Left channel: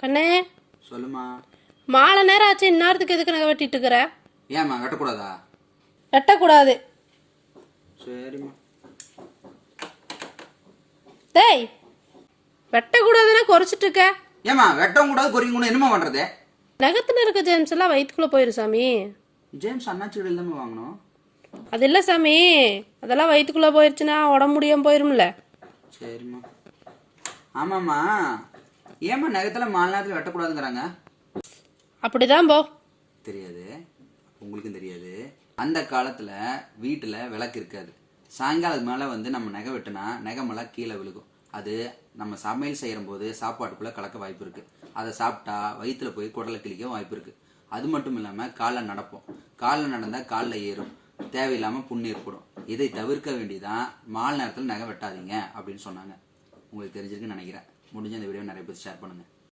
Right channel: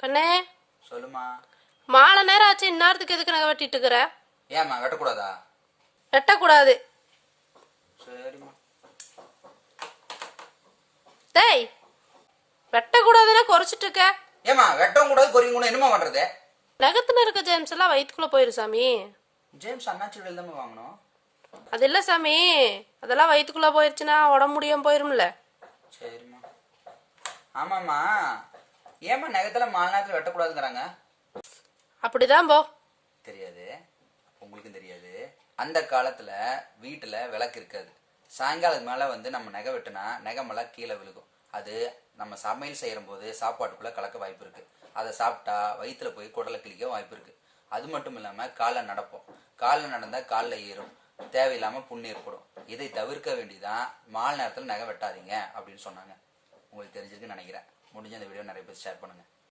கண்ணே சொல்லுமா. மாலை நேரம் ஆச்சு, இந்நேரத்துக்கு எதுக்கு நகை வெட்டிட்டு இருக்கிற? ஏம்மா வெட்டக்கூடாதா? வெட்டக்கூடாது. சரிம்மா. டேய், வெட்டக்கூடாதுன்னா குறைச்சிட்டு இருக்க. ஏம்மா வெட்டவும் கூடாது குறையும் கூட என்னமா பண்றது? நகத்துல இருக்க ஜேம்ஸ் எல்லாம் வயிற்றுக்குள்ள போயிரு சாமி. ஜேம்ஸ் அண்ணாச்சி கடையில் தான் வாங்கணும். அது இல்ல சாமி, அதெல்லாம் வயிற்றுக்குள்ள போயிருச்சுன்னா உடம்பு முடியாம போயிரும்ல. சரிம்மா. ஆமாம்மா, ஏம்மா நகத்துல 4 நேரத்தில் வெட்டக்கூடாதுங்கிறாங்க? அப்படிதான் போ. தெரியாது, உங்களுக்கும் தெரியாது. அந்த காலத்துல வீட்டுல விளக்கு இருக்காது. சாயங்காலம் மேல நம்ம நகை வெட்டினா நகை மேல கீழே விழுகும். அது நம்ம சமையல் செய்யற போது சாப்பாட்டுக்குள்ள கலக்க வாய்ப்பு இருக்கு. அதை சாப்பிட்டா வயிற்றுல போய் குடலை கிழிக்க வாய்ப்பு இருக்கு. அது மட்டும் இல்லாம காலில் நடப்போம். காலில் நடந்தா காலில் ஏறும், தேவையில்லாம புண்ணு ஏற்படும். இதை தவிர்க்க வேண்டியதான் மாலை நேரத்தில் நகை வெட்டாதீங்க அப்படின்னு சொன்னாங்க. உங்களுக்கு தெரிஞ்சிருக்குன்னு நினைக்கிறேன். முடிஞ்ச இந்த வீடியோ நிறைய பேர் ஷேர் பண்ணுங்க.